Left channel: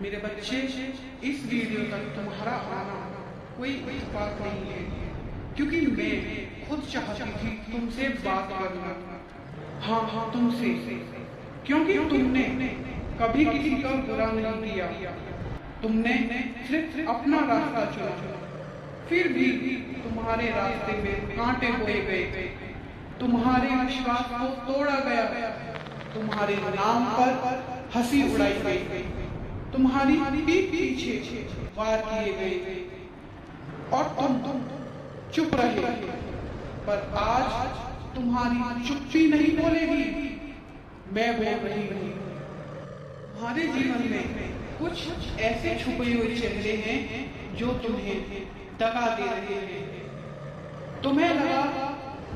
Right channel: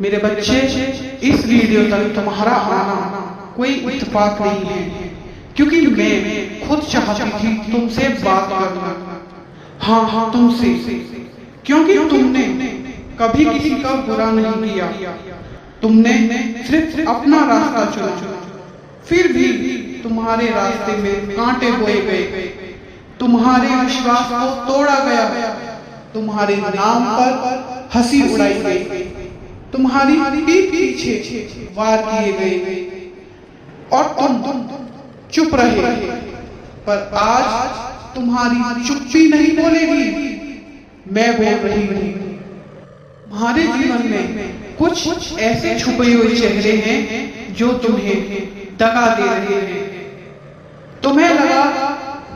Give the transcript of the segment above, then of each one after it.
मेरे बच्चे, इस वीडियो तक तुम्हारा आना कोई इत्तेफाक नहीं है, क्योंकि मैं खुद चाहती थी तुमसे बात करना। हाँ, तुमसे, क्योंकि तुमने कभी किसी का बुरा नहीं किया। तुमने सिर्फ अपना रास्ता चुना, फिर भी तुम्हारे रास्ते में कांटे बोए गए, तुम्हारे विश्वास को तोड़ा गया, तुम्हारे नाम पर हंसी उड़ाई गई, तुम्हारी पीठ पीछे वार किए गए और तुम चुप रहे। पर आज तुम्हारी चुप्पी नहीं बोलेगी, मैं बोल रही हूँ। तुम्हारे जीवन में कुछ ऐसे छुपे हुए चेहरे हैं जो तुम्हें दगा दे रहे हैं। तुम्हें लगा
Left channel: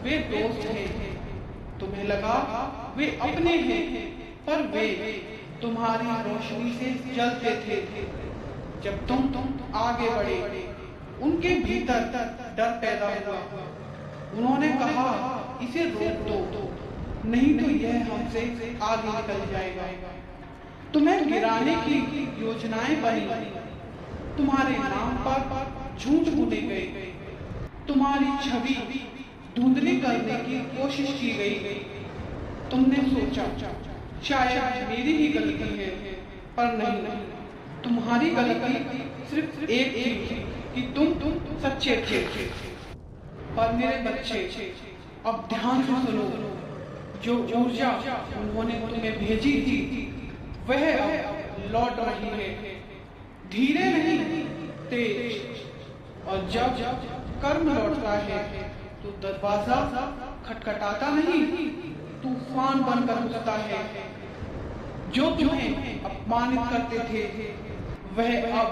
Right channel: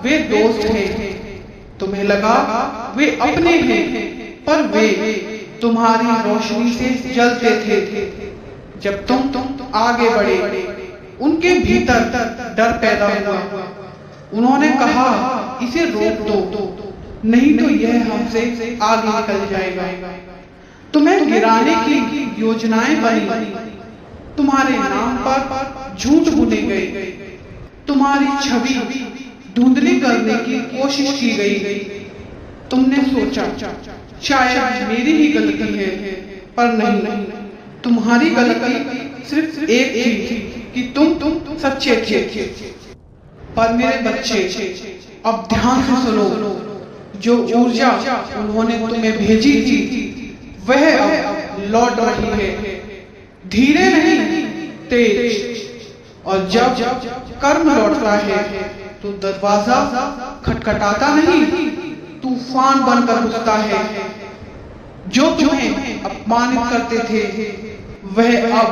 वे दोस्त हैं, तुम्हें लगा वे अपने हैं, पर वे तुम्हारी रोशनी से जलते थे। जब तुम आगे बढ़े, उनके भीतर डर पैदा हुआ। उन्होंने कहा, इसे रोक दो, नहीं तो यह हमसे आगे निकल जाएगा। तुम्हें गिराने की योजनाएं बनी, तुम्हारे नाम पर झूठ बुने गए, तुम्हारी छवि धुंधली करने की कोशिश की गई। तुमने सोचा शायद मेरी ही गलती है, पर नहीं, तुम्हारी गलती सिर्फ एक थी कि तुम सच्चे थे। पर मेरे बच्चे, अब ध्यान से सुनो, जो ऊर्जा उन्होंने तुम्हें भेजी थी वह अब लौट रही है, धीरे नहीं तेज। और जब कर्म लौटता है तो दरवाजा खटखटाता नहीं, तूफान बनकर घुसता है। जो तुम्हें अपमानित करते थे वह अब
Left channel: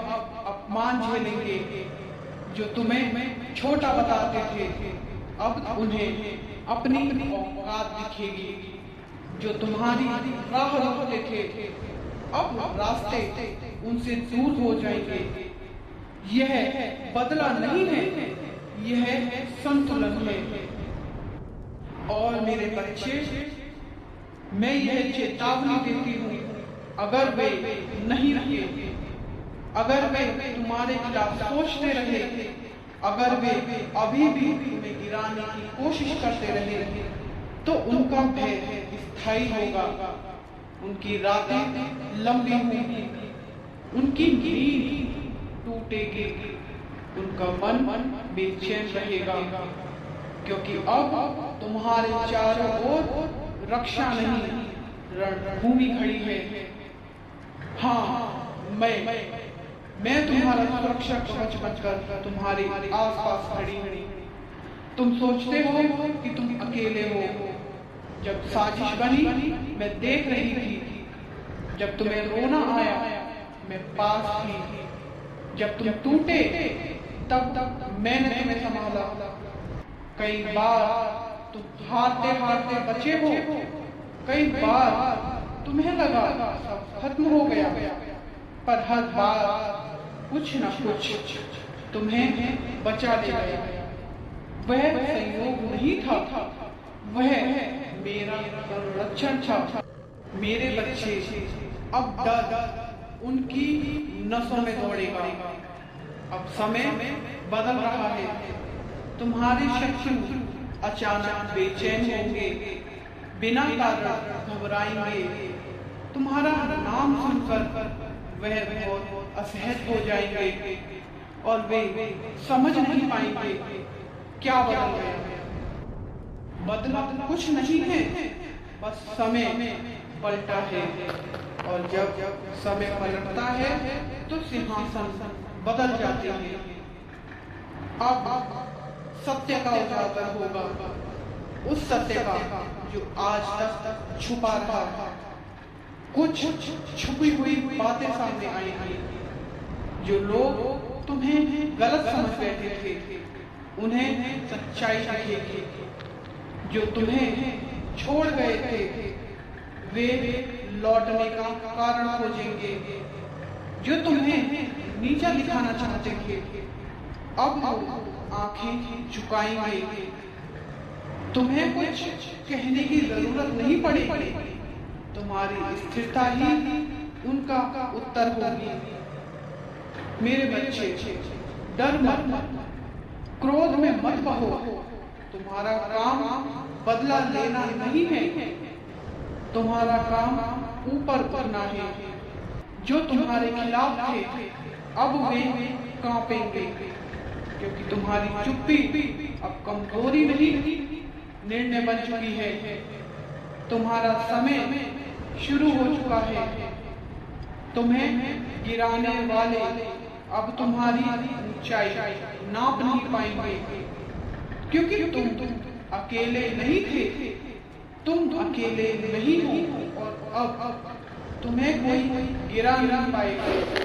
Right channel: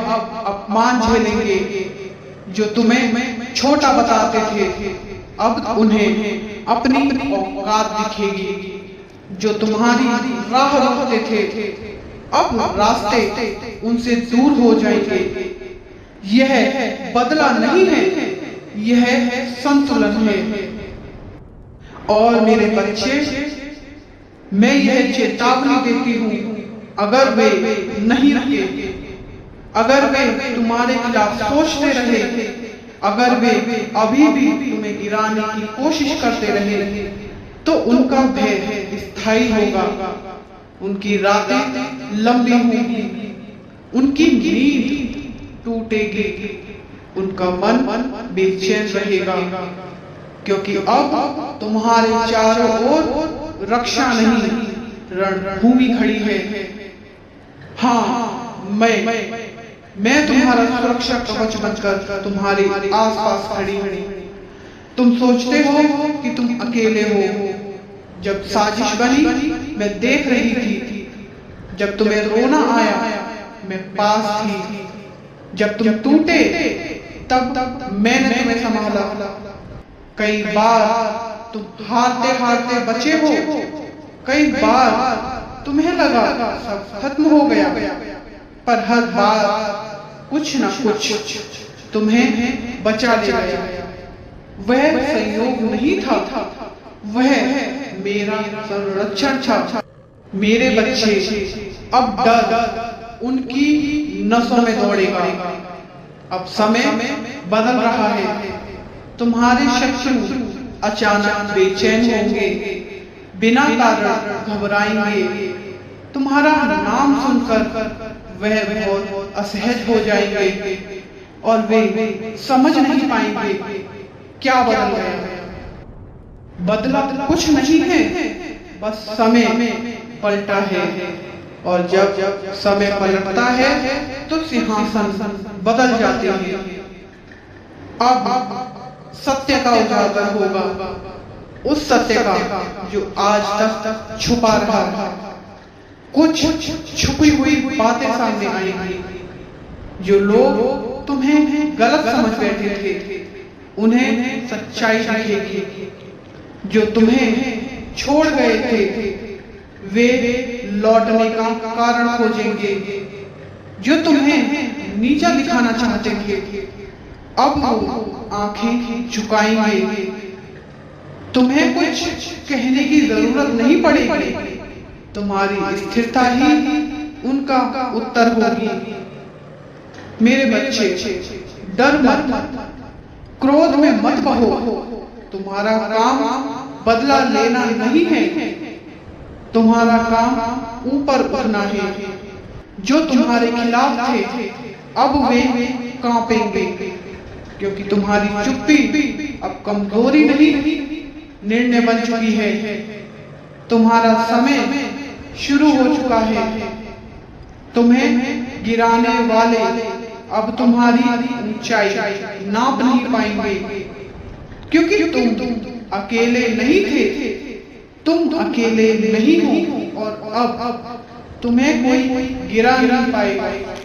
अपमान झेलेंगे, जो तुम्हें छोटा बताते थे अब उन्हें अपनी औकात दिखेगी। जो तुम्हारी राह रोकते थे अब रास्ते उनसे दूर हो जाएंगे। यह बदला नहीं है, यह संतुलन है। और मेरे बच्चे, मैं यह चेतावनी देती हूँ, अगर वे नहीं रुके, अगर वे तुम्हारे खिलाफ सोचते रहे, अगर वे अभी भी तुम्हें गिराने की कोशिश करते रहे, तो उनका भय स्थायी होगा, उनकी रातें लंबी होंगी, उनकी नींद टूटेगी, उनका मन बेचैन रहेगा, क्योंकि अब तुम्हारे चारों ओर रक्षा नहीं, रणभूमि खड़ी है। हाँ, मैं तुम्हारा सुरक्षा कवच बनकर तुम्हारे आसपास खड़ी हूँ। तुम सोचते हो कि तुम अकेले हो। जब साजिश बनी, मैं देख रही थी। जब तुम्हें रोना आया, मैं पास थी। जब तुम टूटे, तब मैंने तुम्हें संभाला। कई बार तुम हारते हारते बचे हो, कई बार तुम्हें लगा सब खत्म हो गया, पर हर बार कुछ न कुछ तुम्हें बचा ले गया। वह संयोग नहीं था, वह मेरा संरक्षण था। मेरे बच्चे, अब डर उनकी नसों में दौड़ेगा। अब समय बदल रहा है। तुम्हारे शत्रु अचानक बेचैन होंगे, बिना कारण घबराएंगे। तुम्हारा नाम सुनकर वह बहुत असहज हो जाएंगे और वे समझ नहीं पाएंगे क्या बदल गया। बदला कुछ नहीं है, बस समय पलटा है। और जब समय पलटता है तो सिंहासन बदल जाते हैं। अब सत्य का उजागर होगा, उस सत्य का जो आज तक छुपा रहा था। कुछ छुपी हुई बातें सामने आएंगी। जो लोग तुम्हें गलत समझ बैठे थे, उन्हें सच्चाई दिखेगी। जो तुम्हें छोड़ गए थे, वे लौटने का कारण खोजेंगे। जो तुम्हें नीचा दिखाना चाहते थे, अब वो आंखें झुकाएंगे। तुम्हें कुछ कहने की जरूरत नहीं पड़ेगी, तुम्हारी स्थिरता ही उनका उत्तर होगी, मेरे बच्चे डर मत, क्रोध में मत बहो, तुम्हारा काम बदला लेना नहीं है, तुम्हारा काम ऊपर उठना है। जो तुम्हारे खिलाफ थे अब वे कांपेंगे, क्योंकि तुम्हारी चुप्पी अब कमजोरी नहीं निर्णय बन चुकी है। तुम्हारा समय शुरू हो चुका है। तुम्हें गिराने वाले अब तुम्हारी ऊंचाई नाप नहीं पाएंगे, क्योंकि तुम अकेले नहीं थे, तुम अकेले नहीं हो और अब तुम्हें कोई गिरा नहीं पाएगा।